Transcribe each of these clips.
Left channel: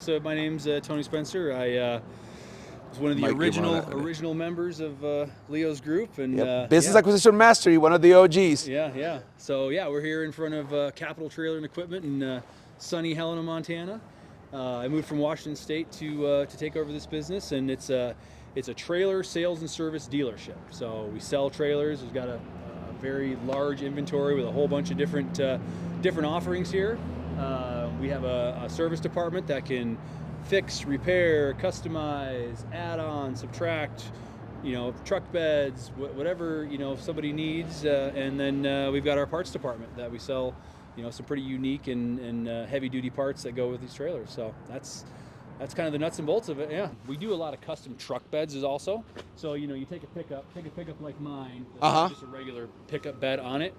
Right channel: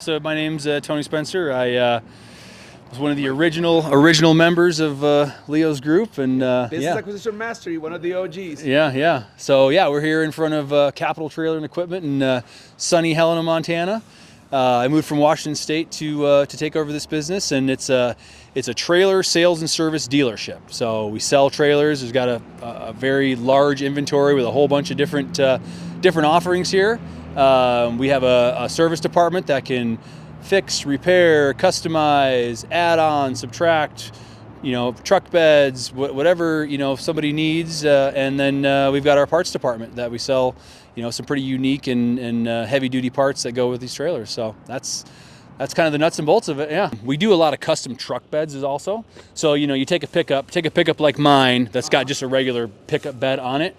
So my name's Tony Spencer. I was one of the original members of Leo's group, and Business Acquisition Mastery, one of the OGs. Yeah. So we're here in front of Capital Trailer and Equipment in sunny Helena, Montana. I moved from Washington State to take over this business, and it's a trailer sales and service dealership. So we sell trailers. We've got a very large inventory with a whole bunch of different offerings here. We have a service department that can fix, repair, customize, add on, subtract, truck beds, whatever, if somebody needs. And then we've got our parts department that we sell, some pretty unique and heavy duty parts that go with these trailers. So that's kind of the nuts and bolts of it. Yeah. We do a lot of custom truck beds also. So, you take a pickup like mine that's got just a regular pickup bed on it.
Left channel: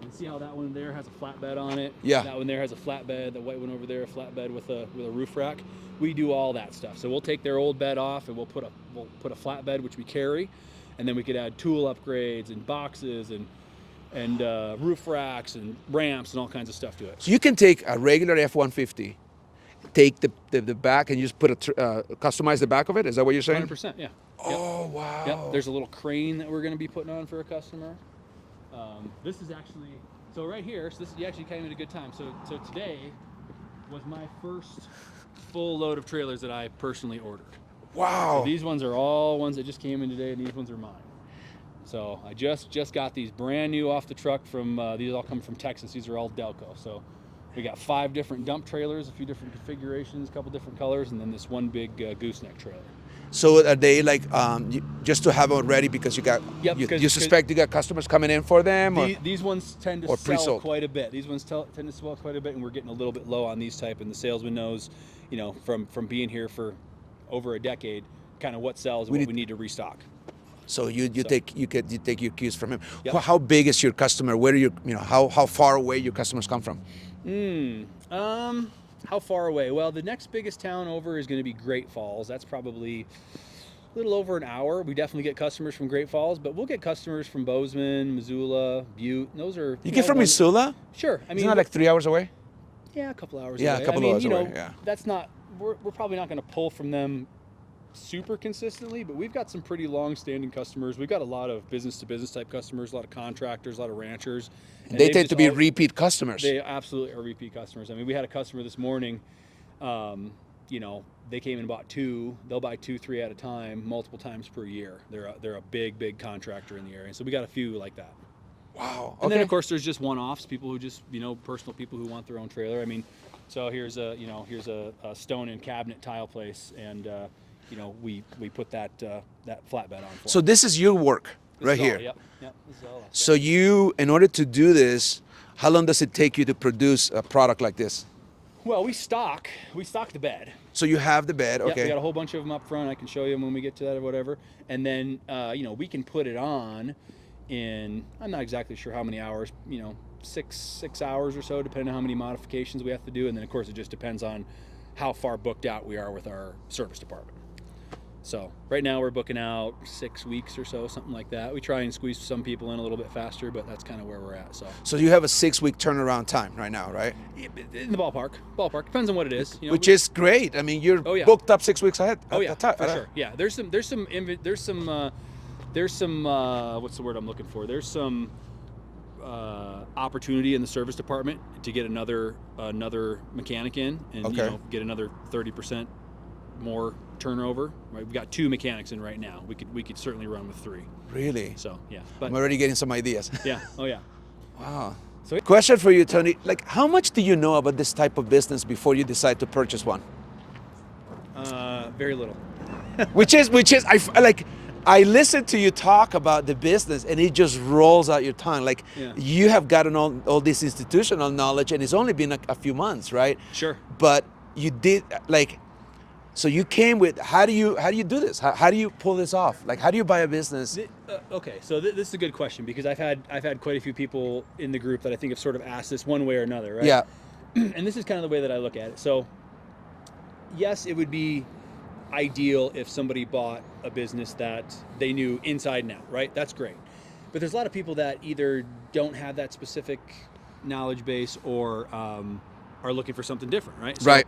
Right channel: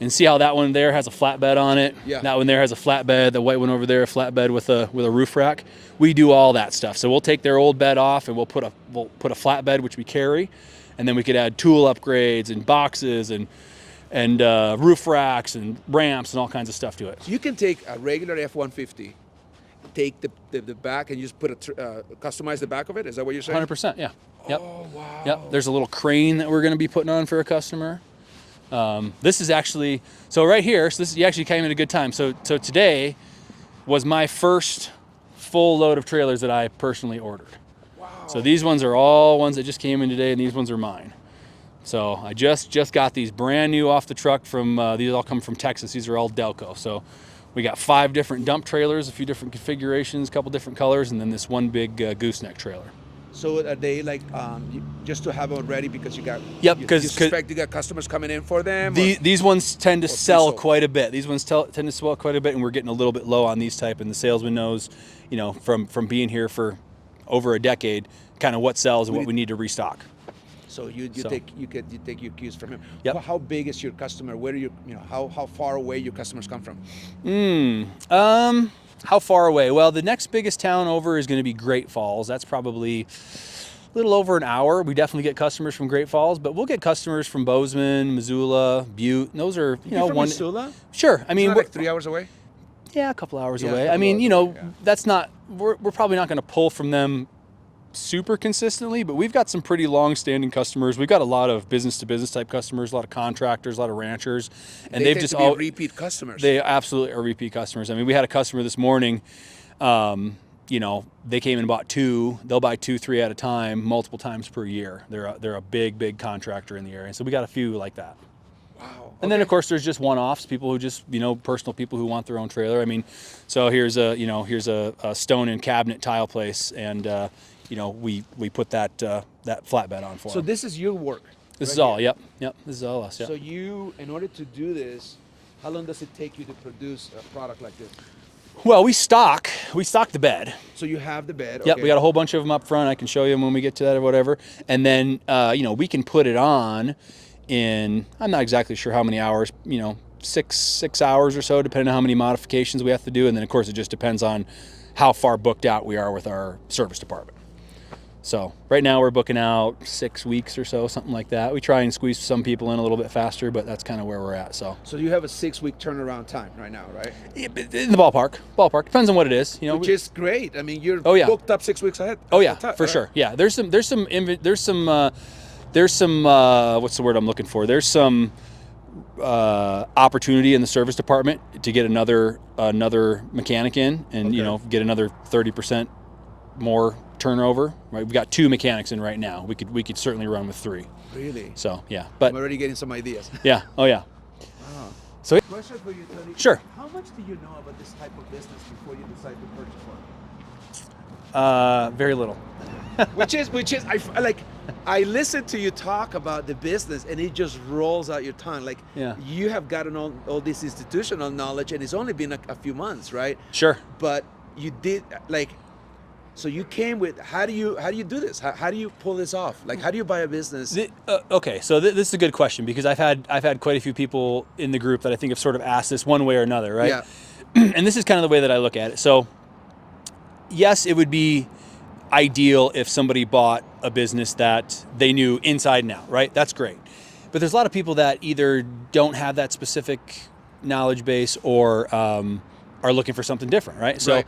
And see how that one there has a flatbed on it. Yeah. That one there has a flatbed. The white one over there, a flatbed with a roof rack. We do all that stuff. So we'll take their old bed off and we'll put a flatbed, which we carry, and then we could add tool upgrades and boxes and roof racks and ramps and all kinds of stuff to it. So you can take a regular F-150, take the back and you just customize the back of it. Is that what you're saying? 100%. Yeah. Oh wow. Yep. There's a little crane that we're going to be putting on for a customer. This is actually, so right here, you actually came at a good time. So today was my first full load of trailers that I personally ordered. Wow. So these ones are all ones that just came in today, and these ones are mine. So I just got these brand new off the truck from, these all come from Texas. These are all Delco. So we got 5 different dump trailers, a few different configurations, a couple different colors, and then this one big gooseneck trailer. So are they like just to have them ready because you got? Yep. You suspect you got customers coming in for them. These ones tend to sell quite a bit. These ones tend to sell quite a bit, and we're getting a little bit low on these type. And the salesman knows, from being here for over a decade, kind of what sells and what we need to restock. So you take your cues from him. Yep. How big is your customer? Where do how far away your customers come from? How far away? Well, the next biggest town over is going to be Great Falls. That's probably a little over an hour. We definitely get customers from Great Falls, but we'll get customers from Bozeman, Missoula, Butte. Those are you get from Missoula? Sure. I mean, we're like 3 hours away. Yeah, a couple hours away. I mean, that's not. We're probably not going to pull from them super consistently, but we've got some pretty long-standing customers. We've got a lot of business-to-business type customers, a lot of contractors, a lot of ranchers, and they tend to be repeat customers. They absolutely are repeat customers. I mean, we had a customer this morning. They came and bought 2. They'll buy 2, 3 at a time, multiple times per year. They're a big contractor in the area, so we got a few like that. Wow. And then of course there's just one-offs, people who just personal people who want their own trailer. I mean, so here's a stone and cabinet tile place, and we put that flatbed on for So them. this is your work. This right is all. here. Yep. This is all us. So in order to do this, how long does it take you to produce a product like this? Well, we stock the bed. So you have the bed. Okay. Yep, we got a whole bunch of them up front. I can show you them when we get to that or whatever. And then we can put it on in, I'm not exactly sure how many hours, 6 hours or so, depending on how many modifications we have to do. And then of course it just depends on how far booked out we are with our service department. So right now we're booking out 6 weeks or so, something like that. We try and squeeze some people in a little bit faster, but that's kind of where we're at. So you have a 6-week turnaround time right now, right? In the ballpark. Depends on what it is. Which is great. I mean, you're booked up 6 weeks ahead. For sure. Yeah, there's some what's the word I'm looking for? There's some opportunity in the service department to get another mechanic in, and get another 30% more turnover. Right, we've got 2 mechanics in right now. We could certainly run with 3. Really? So yeah, but I'm already getting some ideas. Yeah. Oh yeah. Wow. So question for you, Tony. Sure. How much do you know about this type of business before you decide to purchase one? Very little. which is I listen to you talk about the business and it just rolls out your tongue. Like you have gotten all this institutional knowledge and it's only been a few months, right? Sure. But you did so you came with, how do you do this? How do you pull this off? Like, how do you buy a business? Okay, so this is a good question, because I've had quite a few people in the group that I think have sort of asked this one way or another, right? Yeah. And this is kind of the way that I look at it. So yes, it would be ideal if somebody bought a business that they knew inside and out, right? That's great. But there's a lot of people that either don't have that specific knowledge base or are looking for something different, right? So right.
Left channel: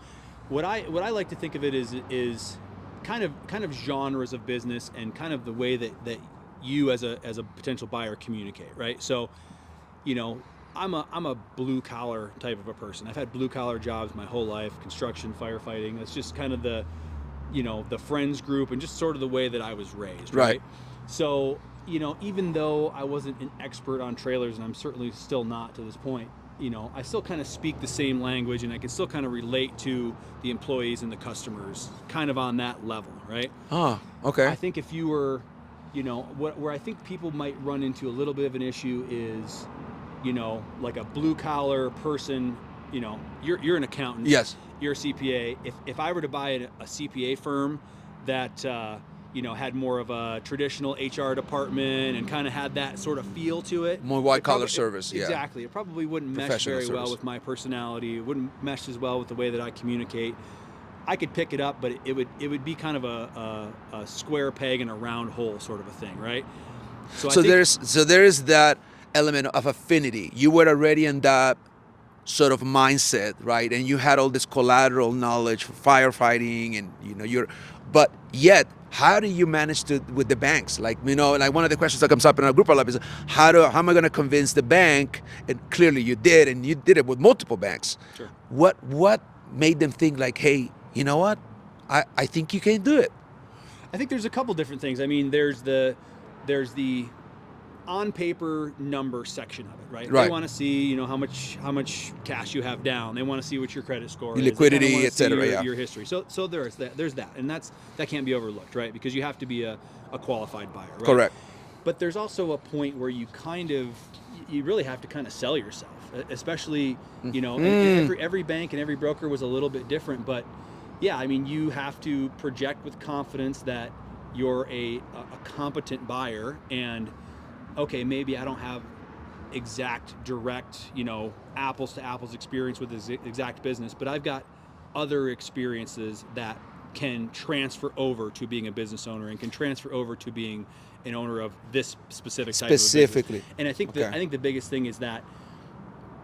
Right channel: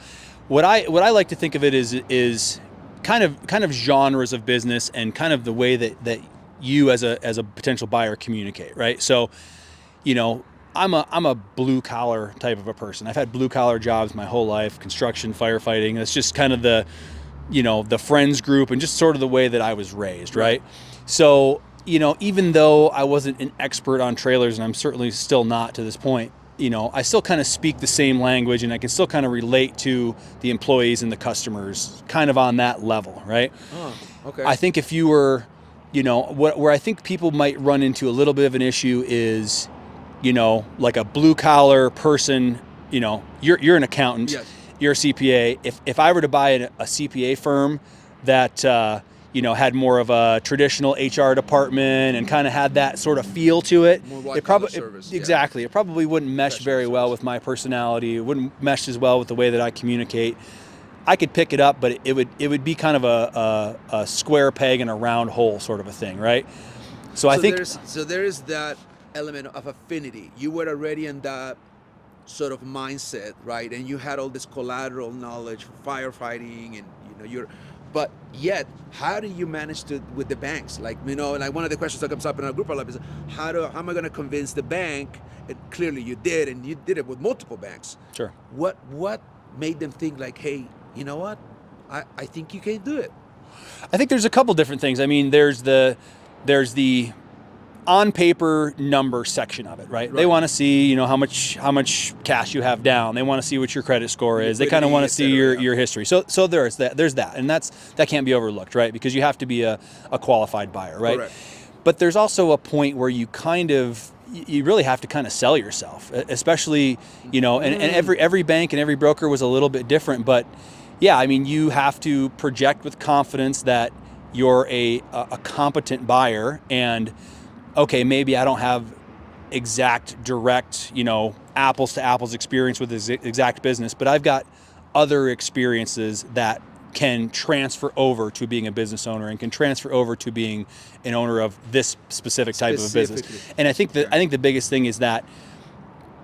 what I like to think of it is kind of genres of business and kind of the way that you as a potential buyer communicate, right? So, you know, I'm a blue collar type of a person. I've had blue collar jobs my whole life, construction, firefighting. That's just kind of the, you know, the friends group and just sort of the way that I was raised, right? So, you know, even though I wasn't an expert on trailers, and I'm certainly still not to this point, you know, I still kind of speak the same language, and I can still kind of relate to the employees and the customers kind of on that level, right? Oh, okay. I think if you were, you know, where I think people might run into a little bit of an issue is, you know, like a blue collar person, you know, you're an accountant. Yes. You're a CPA. If I were to buy a CPA firm that, you know, had more of a traditional HR department and kind of had that sort of feel to it. More white collar service. Exactly. It probably wouldn't mesh very well with my personality. It wouldn't mesh as well with the way that I communicate. I could pick it up, but it would be kind of a square peg in a round hole sort of a thing, right? So I think there's that element of affinity. You were already in that sort of mindset, right? And you had all this collateral knowledge for firefighting, and you know but yet, how do you manage to with the banks? Like, you know, like one of the questions that comes up in our group a lot is how am I going to convince the bank? And clearly you did, and you did it with multiple banks. Sure. What made them think like, hey, you know what? I think you can do it. I think there's a couple different things. I mean, there's the on paper number section of it, right? They want to see, you know, how much cash you have down. They want to see what your credit score is. They kind of want to see your history. So there's that, and that can't be overlooked, right? Because you have to be a qualified buyer, right? Correct. But there's also a point where you really have to kind of sell yourself, especially, you know, and every bank and every broker was a little bit different, but yeah, I mean, you have to project with confidence that you're a competent buyer, and okay, maybe I don't have exact, direct, you know, apples to apples experience with this exact business, but I've got other experiences that can transfer over to being a business owner and can transfer over to being an owner of this specific type of business. And I think the biggest thing is that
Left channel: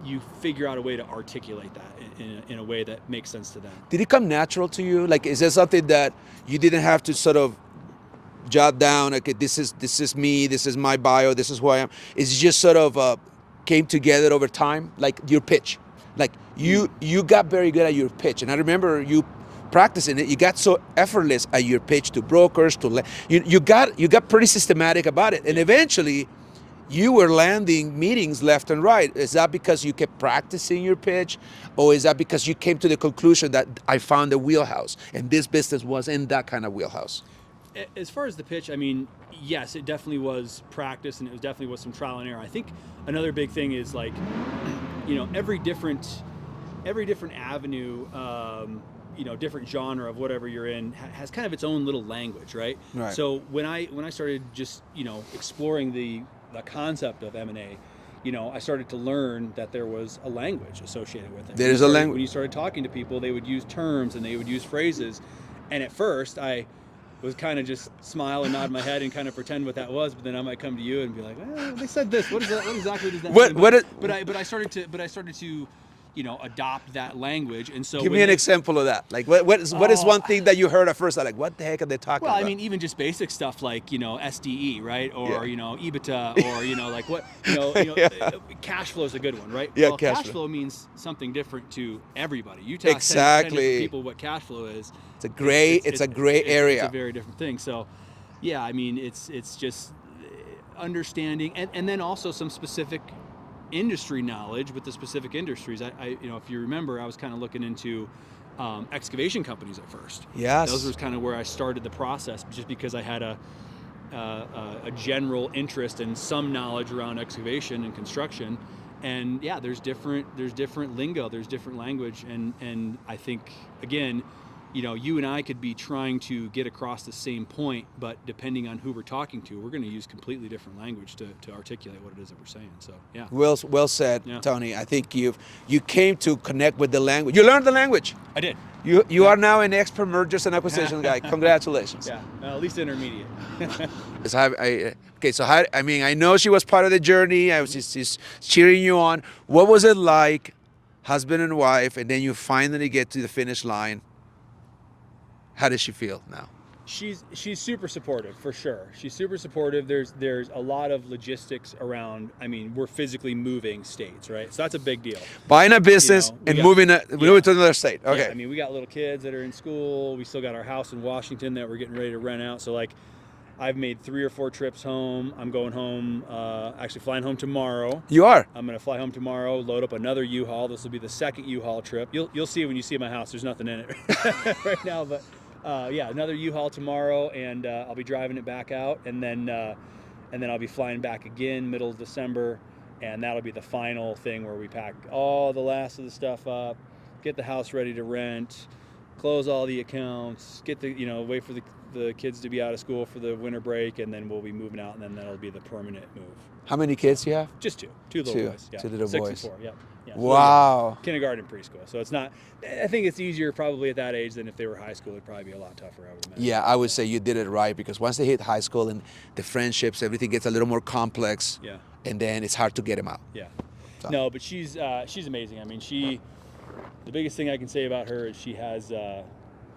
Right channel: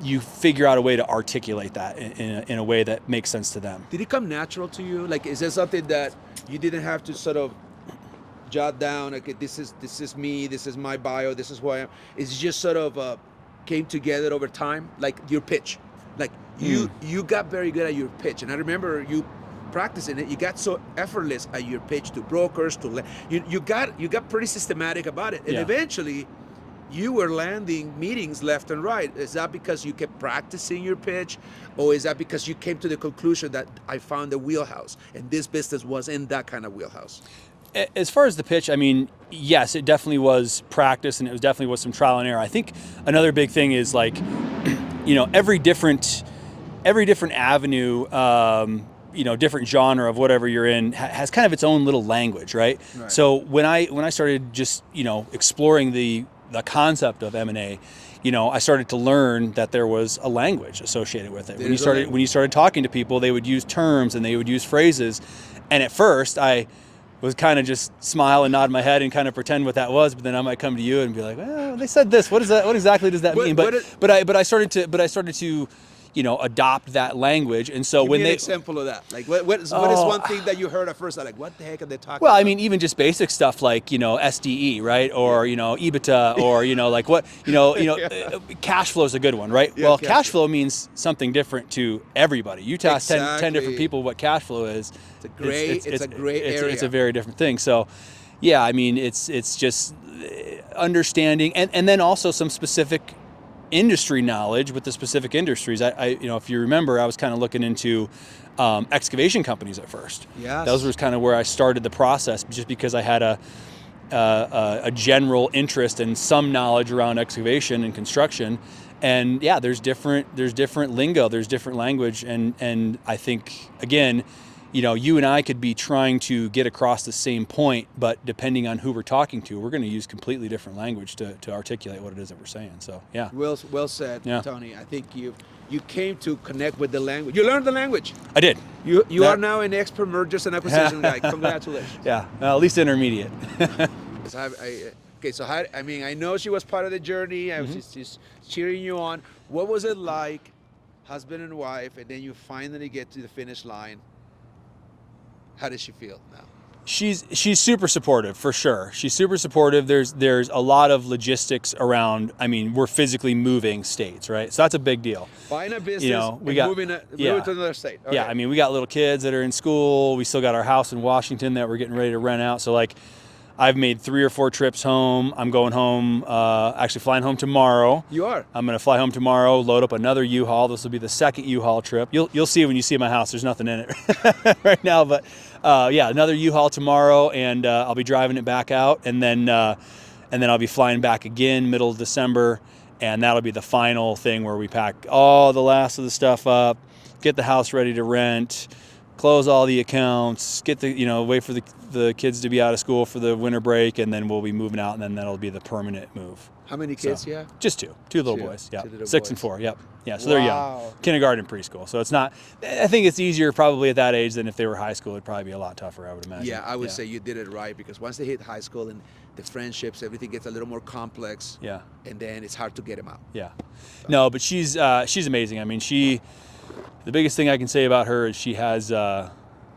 you figure out a way to articulate that in a way that makes sense to them. Did it come natural to you? Like, is there something that you didn't have to sort of jot down, okay, this is me, this is my bio, this is who I am? It's just sort of came together over time, like your pitch. Like you got very good at your pitch, and I remember you practicing it. You got so effortless at your pitch to brokers, you got pretty systematic about it, and eventually you were landing meetings left and right. Is that because you kept practicing your pitch, or is that because you came to the conclusion that I found a wheelhouse and this business was in that kind of wheelhouse? As far as the pitch, I mean, yes, it definitely was practice, and it definitely was some trial and error. I think another big thing is, like, you know, every different avenue, you know, different genre of whatever you're in has kind of its own little language, right? So when I started just, you know, exploring the concept of M&A, you know, I started to learn that there was a language associated with it. When you started talking to people, they would use terms and they would use phrases, and at first I was kind of just smile and nod my head and kind of pretend what that was, but then I might come to you and be like, oh, they said this. What is that? What exactly does that mean? But I started to, you know, adopt that language. And so give me an example of that. Like, what is one thing that you heard at first? Like, what the heck are they talking about? Well, I mean, even just basic stuff like, you know, SDE, right? Or, you know, EBITDA, or, you know, like what, you know, cash flow is a good one, right? Yeah, well, cash flow means something different to everybody. You tell 10 different people what cash flow is. It's a gray area. It's a very different thing. So, yeah, I mean, it's just understanding, and then also some specific industry knowledge with the specific industries. I you know, if you remember, I was kind of looking into excavation companies at first. Yes. Those was kind of where I started the process, just because I had a general interest and some knowledge around excavation and construction. And yeah, there's different lingo, there's different language, and I think, again, you know, you and I could be trying to get across the same point, but depending on who we're talking to, we're going to use completely different language to articulate what it is that we're saying. So, yeah. Well said, Tony. I think you came to connect with the language. You learned the language. I did. You are now an expert mergers and acquisition guy. Congratulations. Yeah, well, at least intermediate. I know she was part of the journey. I was just cheering you on. What was it like, husband and wife, and then you finally get to the finish line? How does she feel now? She's super supportive for sure. She's super supportive. There's a lot of logistics around. I mean, we're physically moving states, right? So that's a big deal. Buying a business and moving to another state. Okay. Yeah, I mean, we got little kids that are in school. We still got our house in Washington that we're getting ready to rent out. So like, I've made 3 or 4 trips home. I'm going home, actually flying home tomorrow. You are? I'm going to fly home tomorrow, load up another U-Haul. This will be the second U-Haul trip. You'll see when you see my house. There's nothing in it right now, but yeah, another U-Haul tomorrow, and I'll be driving it back out, and then I'll be flying back again middle of December, and that'll be the final thing where we pack all the last of the stuff up, get the house ready to rent, close all the accounts, get the wait for the kids to be out of school for the winter break, and then we'll be moving out, and then that'll be the permanent move. How many kids do you have? Just two little boys. Yeah, 2 little 6 boys. and 4. Yep. Yeah, so Wow. they're young. Kindergarten, preschool. So it's not. I think it's easier probably at that age than if they were high school. It'd probably be a lot tougher, I would imagine. Yeah, I would say you did it right, because once they hit high school and the friendships, everything gets a little more complex. Yeah. And then it's hard to get them out. Yeah. So. No, but she's amazing. I mean, the biggest thing I can say about her is she has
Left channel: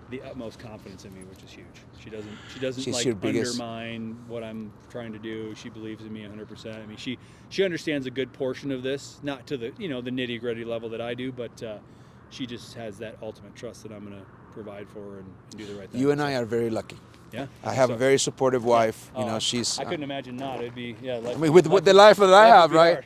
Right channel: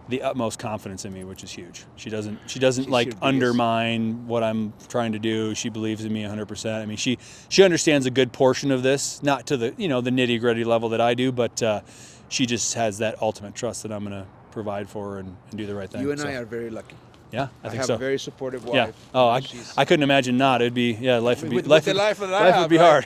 the utmost confidence in me, which is huge. She doesn't She's like your biggest- undermine what I'm trying to do. She believes in me 100%. I mean, she understands a good portion of this, not to the the nitty gritty level that I do, but she just has that ultimate trust that I'm going to provide for her and do the right thing. You and I are very lucky. Yeah, I think have so. a very supportive Yeah. wife. Oh, You know, I couldn't imagine not. It'd be life. I mean, would with the life that I life have, would be right? hard.